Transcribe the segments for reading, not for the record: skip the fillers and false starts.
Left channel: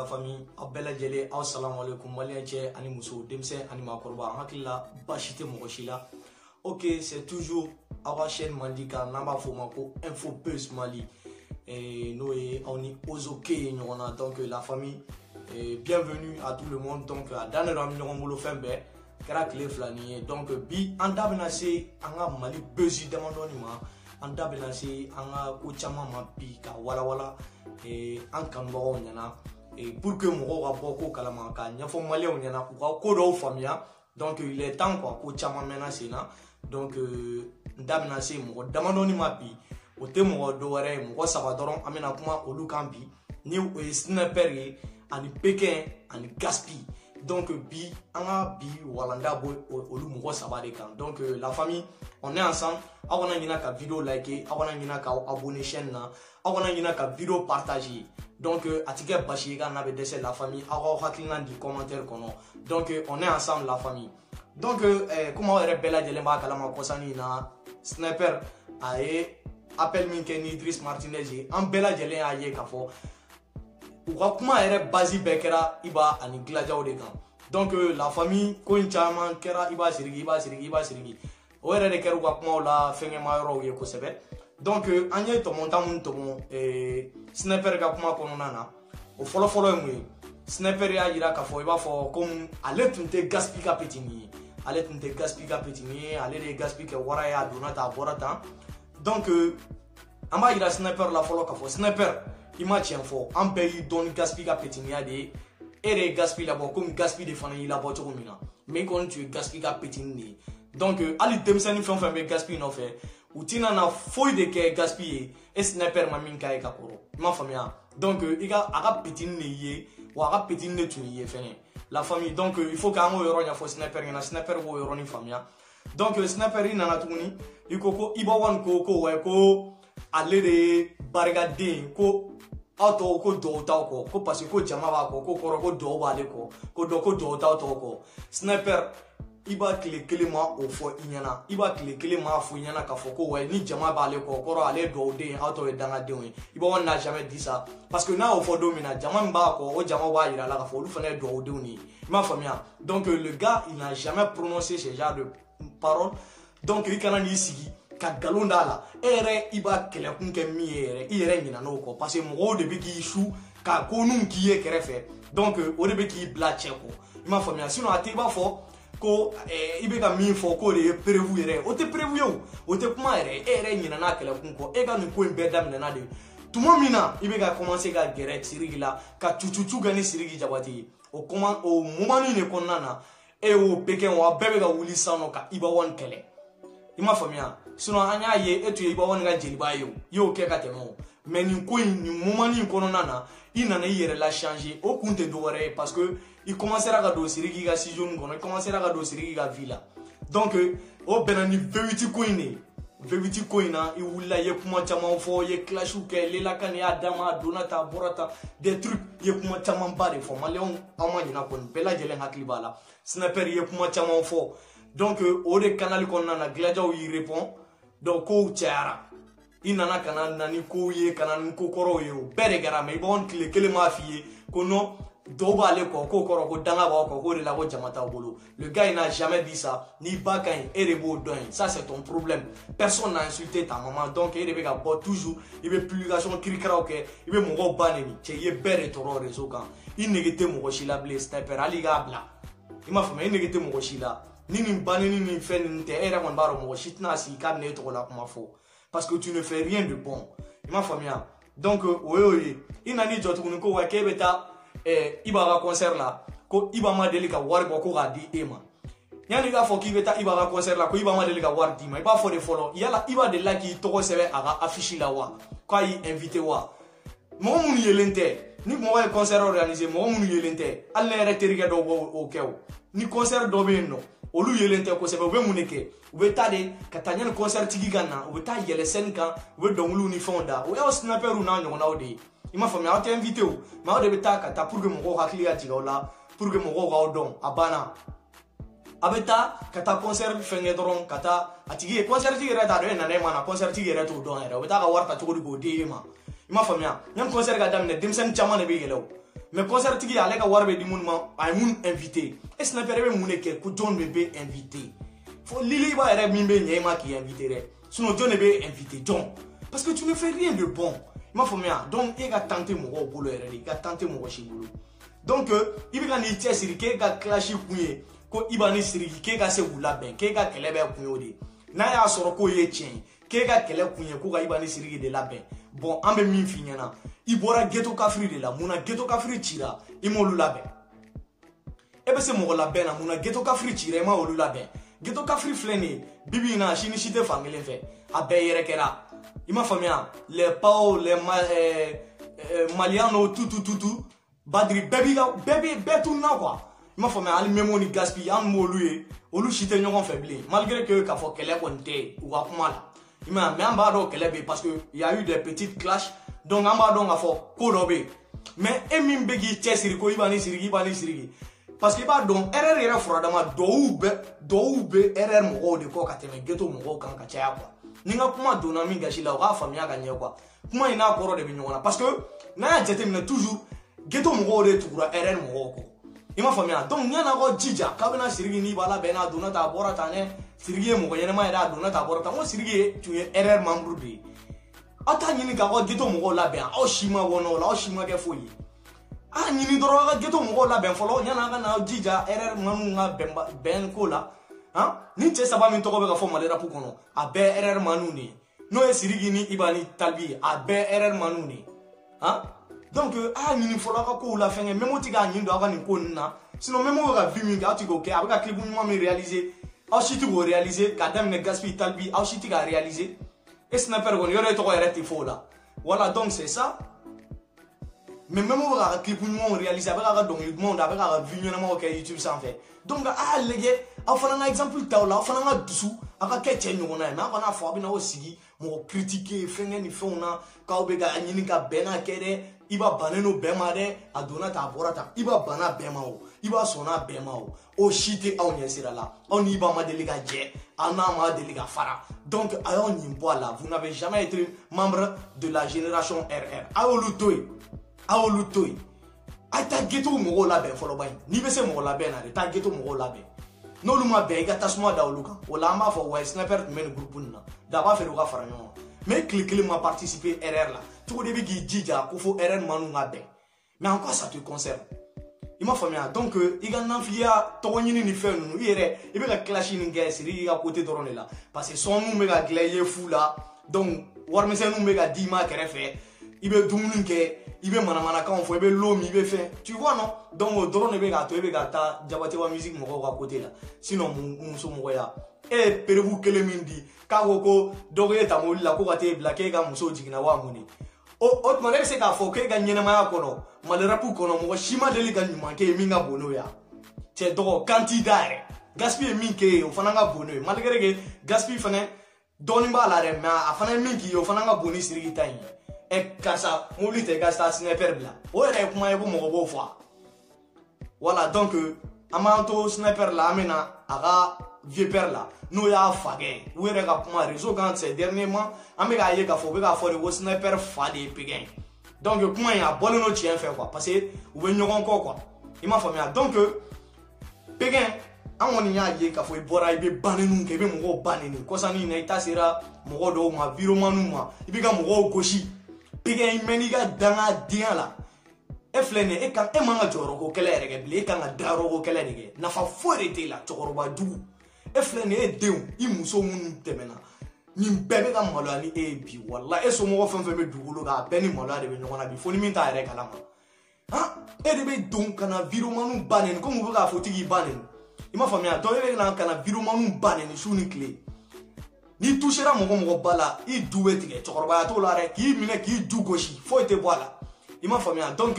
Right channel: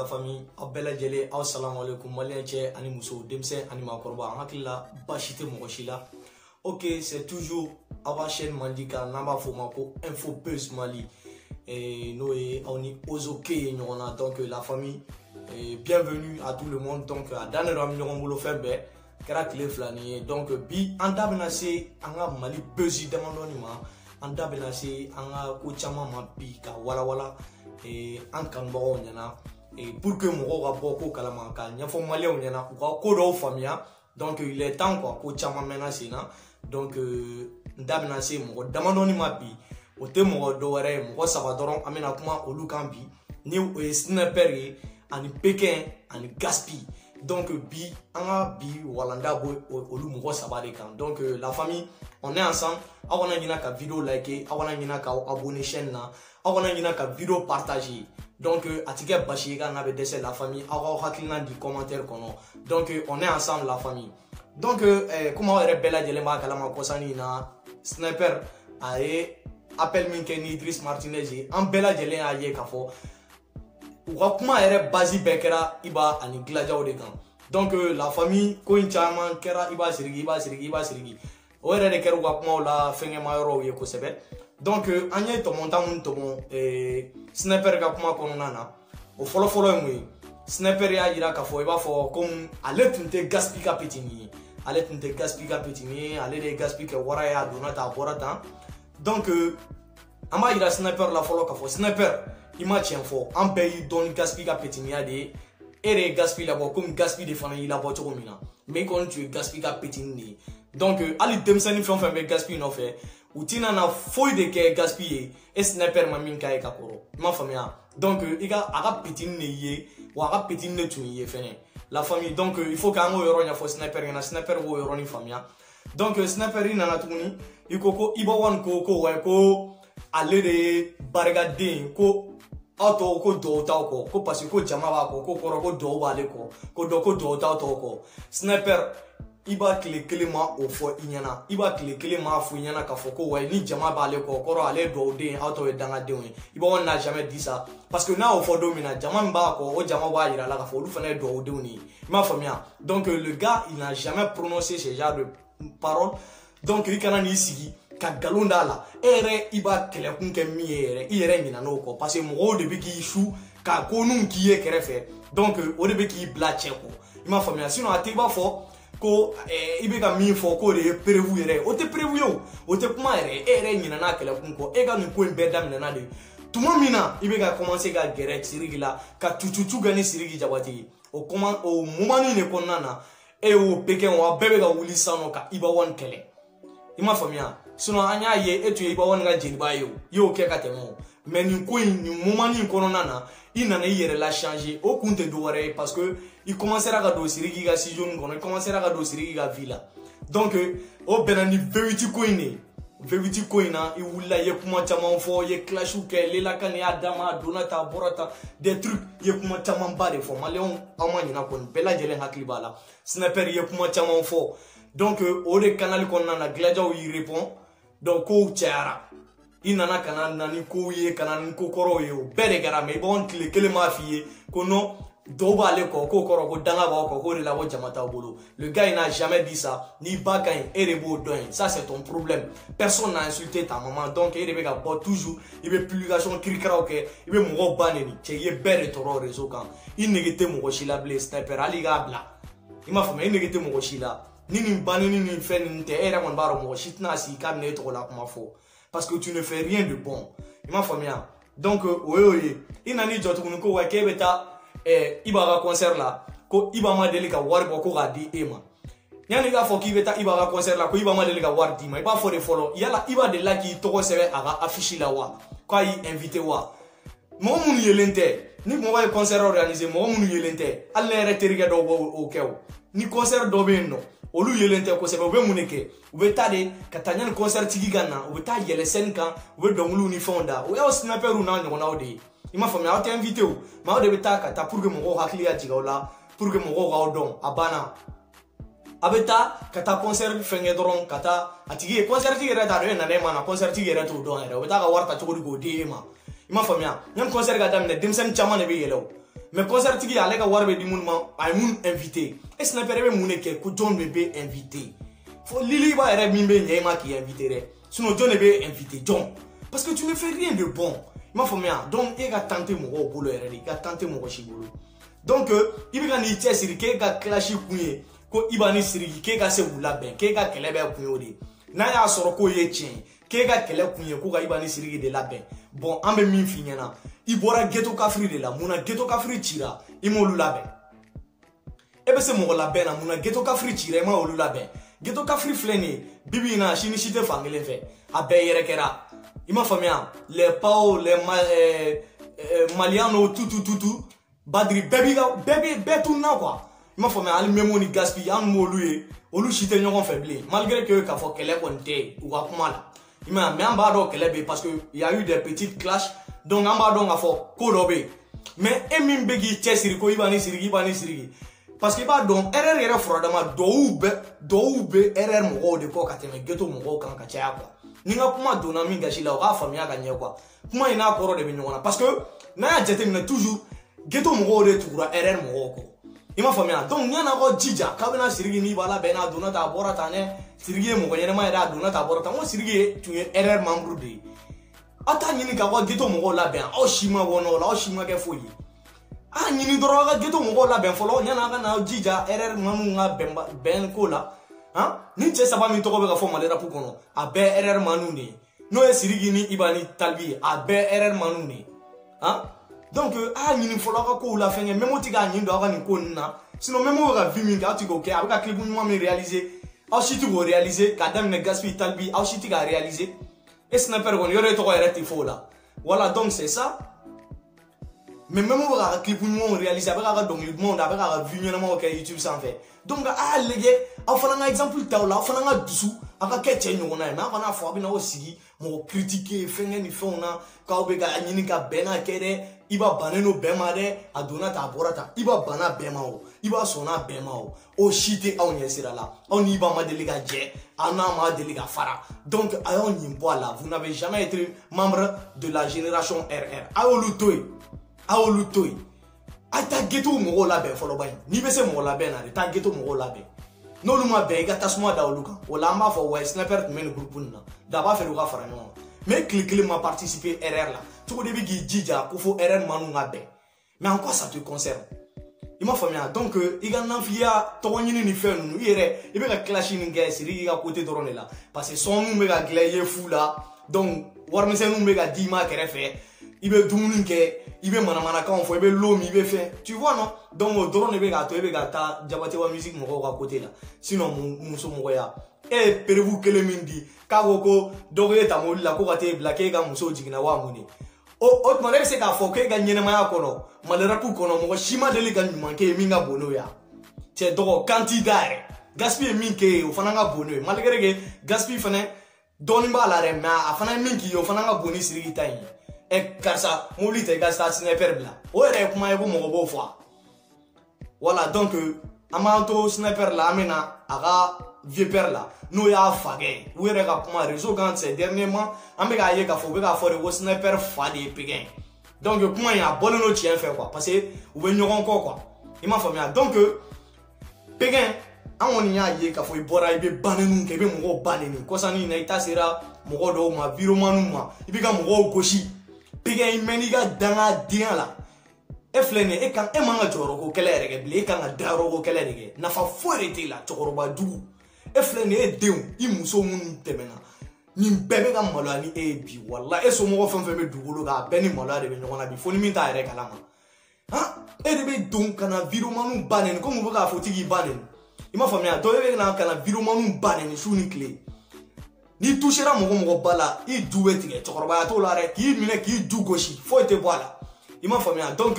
la famille abela jele assalamu alaikum malien che ani muso demse ani makorba hakilla bashite mogoshila. Ok, c'est toujours à la chaîne Mandika Namba Fomako Info Buzz Mali et nous on est aux ok donc la famille bienvenue à tout le monde donc à Daniel Ramiro Fembe Karakle Flani donc bi anda benase anga Mali Buzz demandoni ma anda benase anga ko chama ma bi ka wala et en kango nyana et pour que mo ga boko kalama ka nyafo Mali nyana ko do famia donc il est temps quoi ko chama menacer na donc ndamna se mo damandoni mapi o te mo do were mo sabadoron amena kuma olu kambi ni sniper ani pekin ani gaspi donc bi anga bi walanda boy olu mo sabade kan donc la famille on est ensemble awana nyina ka vidéo liker awana nyina ka abonner chaîne na awana nyina ka vidéo partager donc atike bashi ga na be dese la famille awa hakilina di commentaire kono donc on est ensemble la famille. Donc, comment on répète de l'embarque à la Makosani na sniper aye appel Minkeni Idriss Martinez en bella de l'en aye kafo ou comment on basi bekera iba ani gladiateur de camp. Donc la famille coin chaman kera iba sirigi o ere de keru comment la fenge mayoro ye ko sebe donc anye to montamun to mon sniper ga kuma kono nana o follow mu sniper ya ira kafo iba fo comme ale tunte gaspika petini ale tunte gaspika petini ale de gaspika wara ya donata borata donc ama ira sniper la follow kafo sniper ima tien fo am pays don gaspika petini de ere gaspi la bo comme gaspi de fana ila bo to mina mais quand tu gaspika petini donc ali demsani fon be gaspi no fait ou tina na foi de ke gaspiller et sniper ma minka e kaporo ma famia donc iga aga petini ye wa aga petini tu ye fene la famille donc il faut qu'un euro nya fo sniper na sniper wo euro ni famia donc sniper ina na tuni ikoko ibo wan ko we ko ale de bargade ko auto ko do ta ko parce que jama ba ko koro ko do ba le ko do ta to ko sniper iba kile ma o fo inyana iba kile ma fo inyana ka fo ko we ni jama ba le ko koro ale do de auto e danga de we iba on n'a jamais dit ça parce que na o fo do mina jama ba ko o jama ba ira la ka fo lu fene do de ni ma famia donc le gars il n'a jamais prononcé ce genre de paroles donc il kana ni sigi ka galonda la ere iba kele kunke mi ere nyina no ko parce que mo de bi ki chou ka ko nun ki e kerefe donc o de bi ki bla cheko ma famia sinon ate ba fo ko ibe ka mi fo ko de prévu ere o te prévu yo o te kuma ere nyina na kele kunko e ga nu ko embe dam na de tuma mina ibe ka commencer ga gere sirigi la ka tututu gani sirigi jabati o comment o momani ne konnana e o peken wa bebe ga wuli sano ka iba won kele ima famia sinon anya ye etu iba won ga jeliba yo ke ka temo mais ni ko ni momani konnana ina na yere la changer au compte de wore parce que il commencera à do sirigi ga si jeune kono il commencera à do sirigi ga villa donc o benani veviti koina i wula ye kuma chaman fo ye clash ou ke lela kane adama donata borata des trucs ye kuma chaman ba de fo maleon amani na kon bela jele hakli bala sniper ye kuma chaman fo donc o de canal kon na gladiateur y répond donc ko tiara inana kana nani ko ye kana ko koro ye o bere gara me bon kele ma fiye ko no doba le ko koro ko danga ba ko de la bo jamata bolo le gars il n'a jamais dit ça ni ba kan erebo don ça c'est ton problème personne n'a insulté ta maman donc il devait pas toujours il veut publication krikra OK il veut mo baneni che ye bere toro réseau kan il négete mo shila blé sniper ali ga bla il m'a fait il négete mo shila ni baneni ni fait ni te era mon baro mo shitna si kam ne to la kuma fo parce que tu ne fais rien de bon il m'a fait bien donc oye ina ni jotu ko wa kebeta iba ga concert la ko iba ma deli ka war ko ga di ema nyani ga fo ki beta iba ga concert la ko iba ma deli ka war di ma iba fo de follow yala iba de la ki to ko sebe aga afficher la wa ko yi invité wa mo mun yelente ni mo wa concert organisé mo mun yelente alla re teriga do o kew ni concert do be no olu yelente ko sebe be muneke u be tade katanya concert tigi gana u be ta yele sen kan u be donglu ni fonda o ya sniper u na nyona o de ima fami a te invité ou ma de beta kata pour que mo hakli ya jigola pour que mo ga don abana abeta kata concert fenge doron kata atigi concert ti reta do na ne mana concert ti reta do don era beta ga warta to go de ma ima fami a nyan concert ga damne dimsen chama ne be yelo mais concert tigi ale ka wari be di mun ma ay mun invité et sniper be mun ke ko John be invité fo lili ba ere min be nyema ki invité re sinon John be invité John parce que tu ne fais rien de bon ma famia donc il ga tenter mo bolo ere il ga tenter mo shibolo donc il ga ni tie siri ke ga clash kunye ko ibani siri ke ga se wula ben ke ga kelebe kunyo de na ya soro ko ye chen ke ga kele kunye ko ga ibani siri de la ben bon ambe min finyana ibora ghetto kafri de la muna ghetto kafri tira imolu la ben ebe se mo la ben na muna ghetto kafri tira ma olu la ben ghetto kafri fleni bibi na shini shite fangele fe abe yere kera ima famia les pao les maliano tout badri baby betu na quoi ima famia ali memoni gaspi am moluye olu shite nyokon faible malgré que ka fo kele bonte ou ka kuma la ima me amba do kele be parce que il y a eu des petites clashs donc amba do nga fo ko do be mais emin begi tesiri ko ibani sirigi parce que ba donc erreur yere frodama do be erreur mo de ko ka teme ghetto mo kan ka cha quoi ninga kuma dona mi gashi la wa famia ka nye quoi kuma ina koro de binyona parce que na jete na toujours ghetto mo de tukura erreur mo ko ima famia donc nyana ko jija ka bena sirigi ni bala bena dona ta bora ta ne sirigi mo yene ma da dona ta bora ta mo sirigi tu erreur membre de ata nyini ka ko ghetto mo la ben o shima wono la o shima ke foyi a nyini doro ka ghetto mo la ben folo nyana ka na jija erreur manu nga ben ko la hein ni tse saba mi to ko be ka fo malera pu kono a be erreur manu ni no e sirigi ni ibani talbi a be erreur manu ni hein donc a nyini folo ka ko la fenge memo ti ga nyi do ka ni ko na sinon memo ka vi mi ga ti ko ke a ka clip mo mi réaliser a shi ti go réaliser ka dem ne gaspi talbi a shi ti ga réaliser et sniper gon yore to ko ereti fo la voilà donc c'est ça mais même on va clip nous réaliser avec la donc le monde avec la vue nous OK YouTube sans fait donc les gars on fait un exemple ta là on fait un dessous aka kete nous na ma na fo bi na osigi mo critiquer fenge ni fo na ka obega nyini ka bena kere iba baneno bemare adona ta borata iba bana bemao iba sona bemao o shite on yesira là on iba ma deliga je ana ma deliga fara donc ayon nimbo là vous n'avez jamais été membre de la génération RR aolutoi ata ghetto mo la ben folo bay ni be se mo la ben na ta ghetto mo la ben no luma be ga tasma da oluka wala ma fo we sniper men groupe na da ba fe do ga fara nyon mais cliquer m'a participé RR là tout début gi jija ko fo RR manu nga be mais en quoi ça te concerne il m'a famia donc il ga nafia to nyini ni fe nu yere e be ga clash ni ga siri ga côté drone là parce que son nous me ga glaye fou là donc war me se nous me ga dima kere fe ibe dumuni ke ibe mana kan fo ibe lomi ibe fait tu vois non donc mo drone be ga to ibe ga ta jabate wa musique mo ko côté là sinon muso mo ya e perevu kele mindi ka ko donc eta mo la ko gate black ga muso jigina wa muni o manere se ka fo ke ga nyene ma yakono malera pu kono mo shima deli ga nyuma ke minga bono ya te do candidat gaspiller minke o fananga bono malgré que gaspiller fane doni ba la re ma afana minki o fananga boni sirigi tay e kasa mobilité gasta sniper bla o re kuma e mo bo fo voilà donc amanto sniper la amena aga vieux père là no ya fage o re ka kuma réseau quand c'est dernièrement amega ye ka fo be ka fo re sniper fa de pegen donc kuma ya bolo no tien fait quoi parce que ou be nyogon ko quoi il m'a famia donc pegen amoni ya ye ka fo ibora ibe banenu ke be mo banenu ko sani na ita sera mo do ma viromanu ma ibe ka mo goshi pegen meniga danga dia la e flene e kan e manga joro ko kele rege bli kan daro ko kele rege na fa forete la chokoroba du e flene e deun i muso mun temena ni bebe ka malani e bi wallahi e so mo fam fam be dugolo ga beni malade be nyona bi foni min ta rege kalama ha e rebe don kana viromanu banen ko mo ga fotigi banen ima famia do be na kana viromanu banen shuni clé ni touchera mo bala i duwe tige chokoroba to la re ki mine ki du goshi fo te boala ima famia donc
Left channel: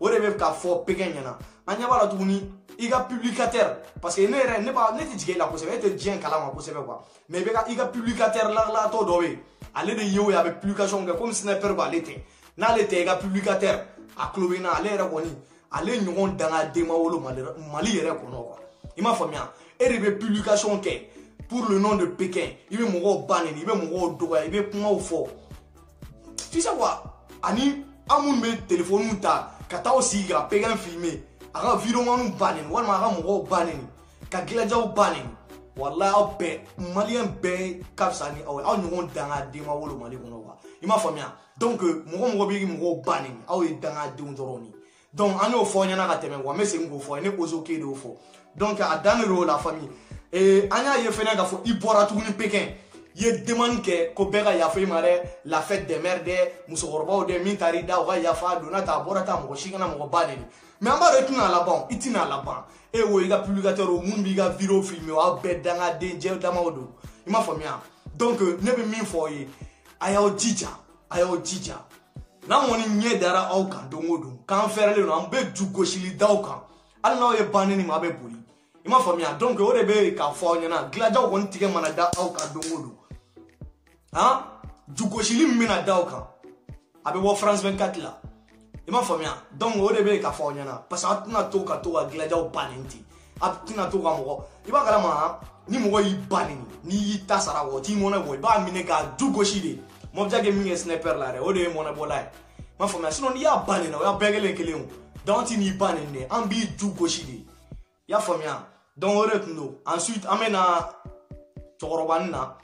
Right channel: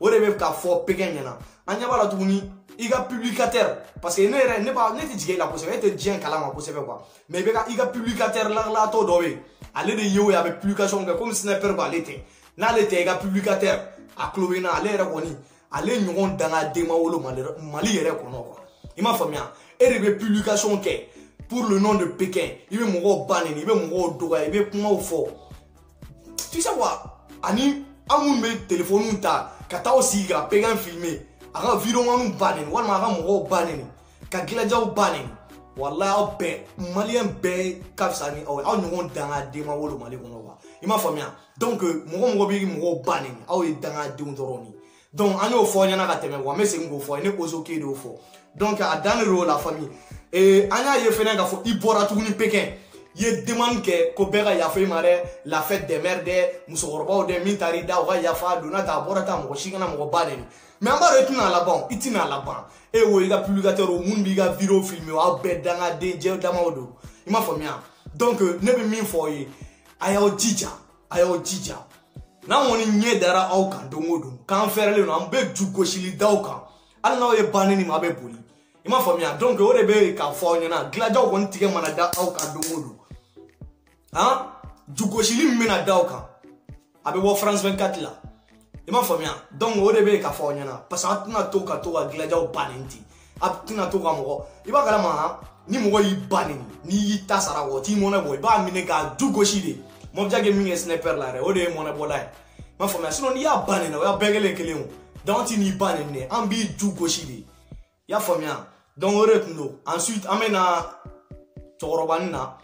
o rebe ka fo pegenya anya bala tuni iga publicataire parce que ne pas ne tige la possible être bien kalama possible quoi mais be ka iga publicataire la to dowe ale de yewe avec publication comme sniper ba l'été na l'été iga publicataire a clovena ale re koni ale nyon danga dema wolo mali yere kono quoi ima famia e rebe publication ke pour le nom de Pékin, il veut mourir banen, il veut mourir doga, il veut comment au fort. Tu sais quoi? Ani amoun me téléphone ta Kata aussi ka pegan filmer aga vidéo manu banen walma aga mo banen ka gilajaw banen wallahi be malien be kapsani aw ñu danga de ma wolo mali kono wa ima famia donc mo bi mo banen aw e danga de ndoroni donc ani o fo nyana ka teme wa mesi ngo fo ne ozo ke do fo donc a dans le la famille et anya ye fena ka fo ibora tuguni pekin ye demande ke ko bega ya fe mare la fête des mères de musorba de mintari da wa ya fa donata borata mo shingana mo banen mais amba retuna la ban itina la ban e wo iga publicateur o mun bi ga vidéo filmer wa be danga de je dama odo ima famia donc ne be min fo yi ayo jija na woni nye dara au kan dongodo kan ferle no ambe du goshili dauka al na e banini ma be boli ima famia donc o de be ka fo nyana glaja won tige mana da au kan dongodo hein du goshili mina dauka abe wo France 24 la ima famia donc o de be ka fo nyana parce que tuna to ka glaja o banenti tuna to ka mo iba kala ma ni mo yi banini ni tasara wo ti mo na boy ba mine ka du goshili mo jage mi sniper la re o de mo na bodai ma famia sinon ya banina ya begele kelemu donc ni banine ambi du goshili ya famia donc o retno ensuite amena torobanna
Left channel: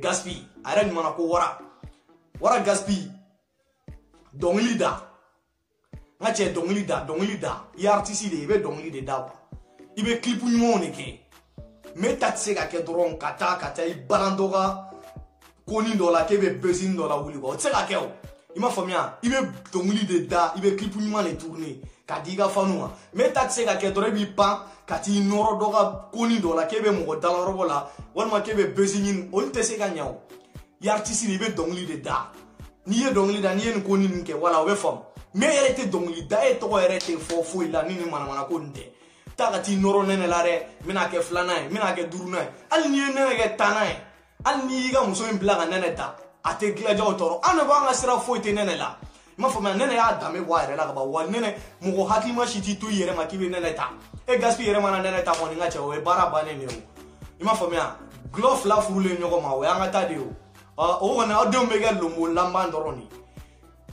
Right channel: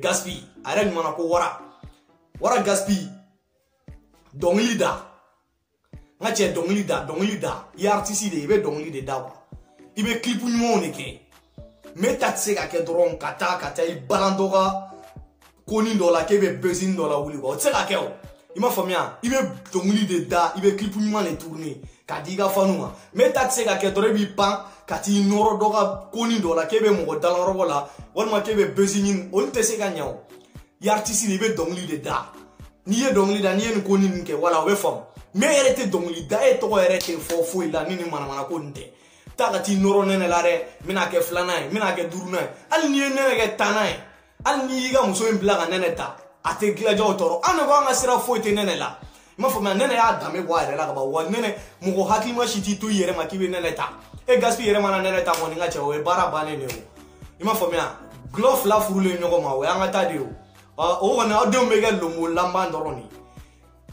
gaspi are ni mana ko wara gaspi dongli da ngache dongli da ya artiste de be dongli de da ibe clip nyumo ne ke metatse ka ke dron kata I balandoga koni dola ke be bezin dola wuli ko tseka ke o ima famia ibe dongli de da ibe clip nyuma le tourner ka diga fanuma metatse ka ke dore bi pa kati noro doga koni dola ke be mo dala robola wonma ke be bezin on te se ka nyaw ya artiste ibe dongli de da ni ye dongli da ni en koni nke wala we fam me erete dongli da e to erete fo ila ni mana ko nde takati noro nene lare mina ke flana mina ke duruna al ni nene ke tanai al ni ga muso en blaga nene ta ate glaja otoro ana ba nga sira fo te nene la ma fo ma nene ya dame wa re la ba wa nene mu ko hakli ma shiti to yere ma kibe nene ta e gaspi yere ma nene ta mo nga che o e bara ba nene o ma fo ma glove la furule nyoko ma wa nga ta de o wona ado mega lomo lamba noroni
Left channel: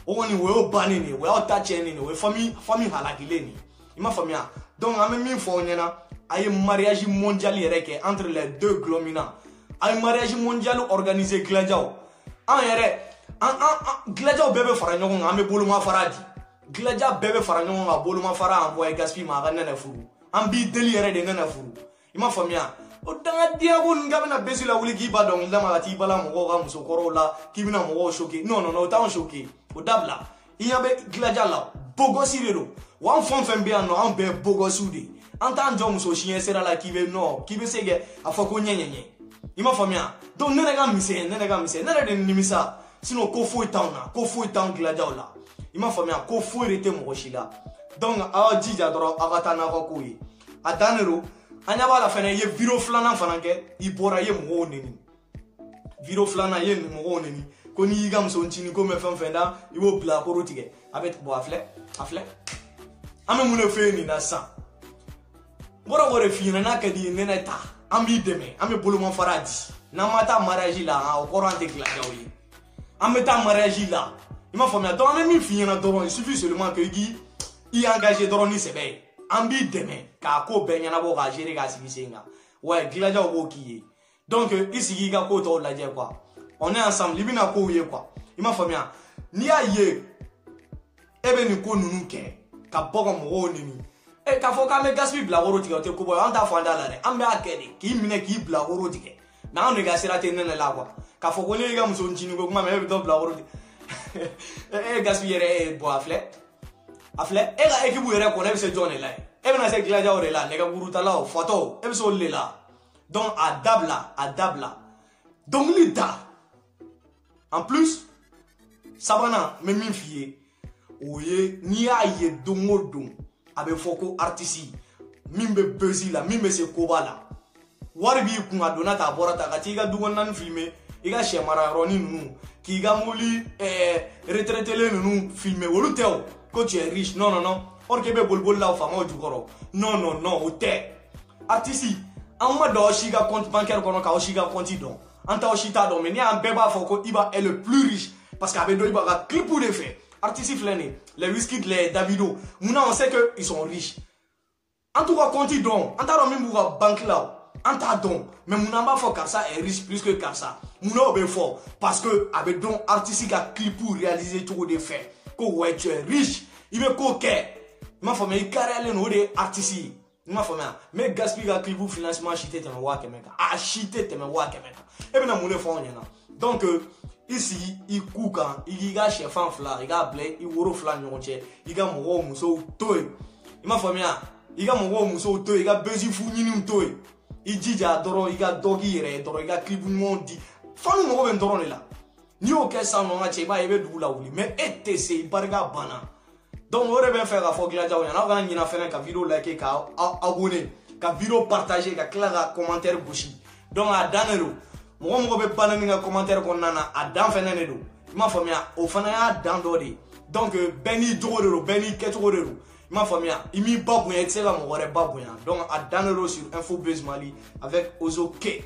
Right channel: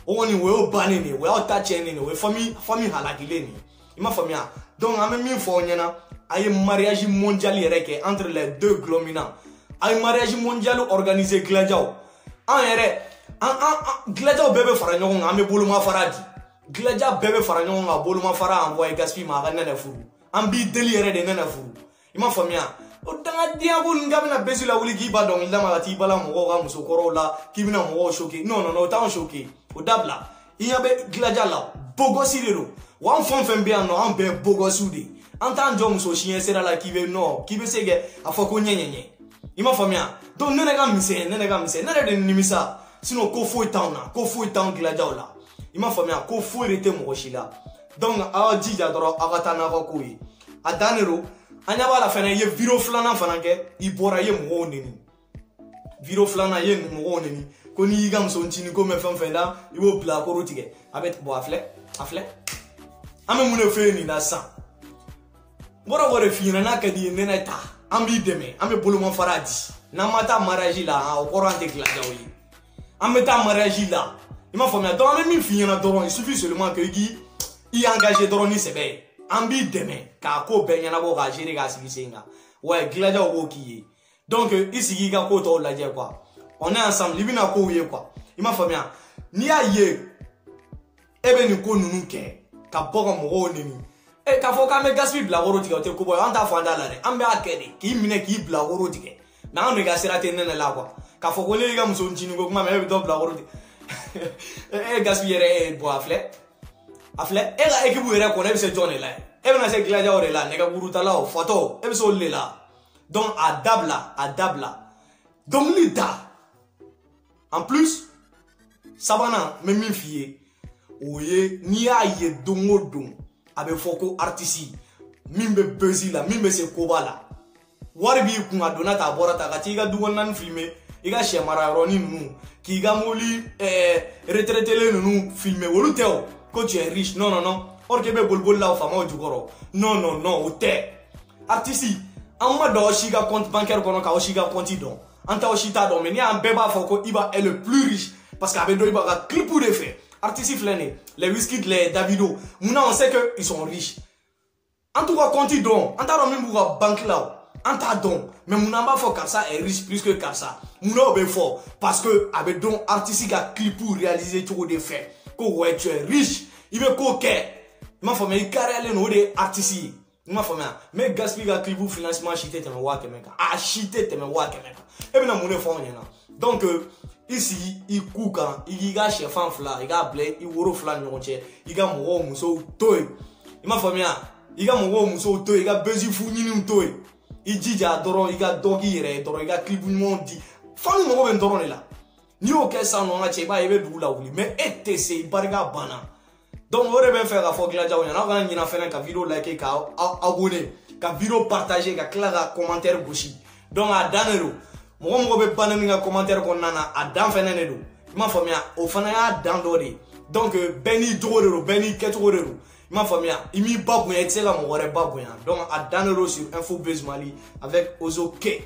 o woni we o banene we o ta chene we fami halakile ni ima famia donc ame min fo nyana ay mariage mondial yere entre les deux glomina ay mariage mondial organisé gladiao en yere gladiao bebe fara nyongo ame boluma faradi gladia bebe fara nyongo boluma fara envoyer gaspi ma ga nene furu ambi deli yere de nene furu ima famia o danga dia ko ngabena besila wuli ki ba donc ndama ati bala mo ga musokoro la kibina mo choqué non ta on choqué o dabla iyabe gladia la bogo sirero wan fon be no an be bogo sudi antan jom so chien sera la kibe no kibe sege afako nyenyenye ima famia donc nene ga mise nene de nimisa sino ko fo town gladia la ima famia ko fo rete mo shila donc a jija doro agatana ko kuyi adanero anya bala fana ye vidéo flana fana ke ibora ye mo neni vidéo flana ye mo neni ko ni gam so ntini ko me fenfenda iwo pla ko rotige abet bo afle ame mune feni na san bora wore fina na kadi nene ta ambi deme ame boluma faradi na mata mariage la o korante gladio yi ame ta mariage la ima famia donc ame mi fina doron il suffit seulement que i engagé doron ni sebe ambi deme ka ko benyana bo ga jere ga sibisenga ouais gladio ko kiye donc ici ga ko to la je quoi on est ensemble libina ko ye quoi ima famia ni aye ebe ni ko nunu ke ka bogo mo nemi e ka fo ka me gaspi bla woro ti ko boy anta fo andala ne ambe akede ki mine ki bla woro ti ke na on ga sera te nene la kwa ka fo ko le ga muso ntini ko kuma me do bla woro ti e gaspi yere bo afle e ga ekibu yere ko ne se jone la e na se gladia ore la ne ga buruta la photo e so le la donc adabla donc lita en plus sabana me min fié oye ni aye dongodo abe foko artiste mimbe bezila mimbe se kobala warbi ku adona ta borata ka tiga dugon nan filmer iga shemara roni nunu ki ga moli retraité le nunu filmer wolu teo ko tu es riche non or ke be bolbol la fama jukoro non o te artiste amma do shiga compte bancaire kono ka o shiga compte don anta o shita do me ni an beba foko iba est le plus riche parce qu'abe do iba ga clip de fait artistes les Wizkid, les Davido, on sait qu'ils sont riches. En tout cas, quand ils donnent, on t'a même pour banque là, on t'a donné. Mais mon n'a pas fait Karsa est riche plus que Karsa. Mon n'a pas fort parce que avec don artiste qui a clip pour réaliser tout des faits. Que ouais tu es riche, il veut coquet. Ma femme il carré les noms des artistes. Ma femme mais gaspille clip pour financement chité te me wa kemeka. Ah chité te me wa kemeka. Et bien mon fond yana. Donc ici il couca, il a chef en fla, il a blé, il woro fla nyonche, il a mo muso toy. Ma femme il a mon muso toy, il a besoin founi nous toy. Il dit à Doro, il a doggy, il a clip mondi. Fan mo ben Doro là. Ni aucun sang non a cheba il veut doula ouli. Mais etc il barga bana. Donc on devait faire la fois que la jaounia. On a gagné faire un vidéo liker, ka abonner, ka vidéo partager, ka clair commentaire bouchi. Donc à danero. Moi on veut pas un commentaire qu'on a à dan fenenero. Ma famille au fana dan dori. Donc Benny Dorero, Benny Ketorero. Ma famille, il m'y babouin, etc. Mon babouin. Donc, à Danero sur Info Buzz Mali avec Ozo K.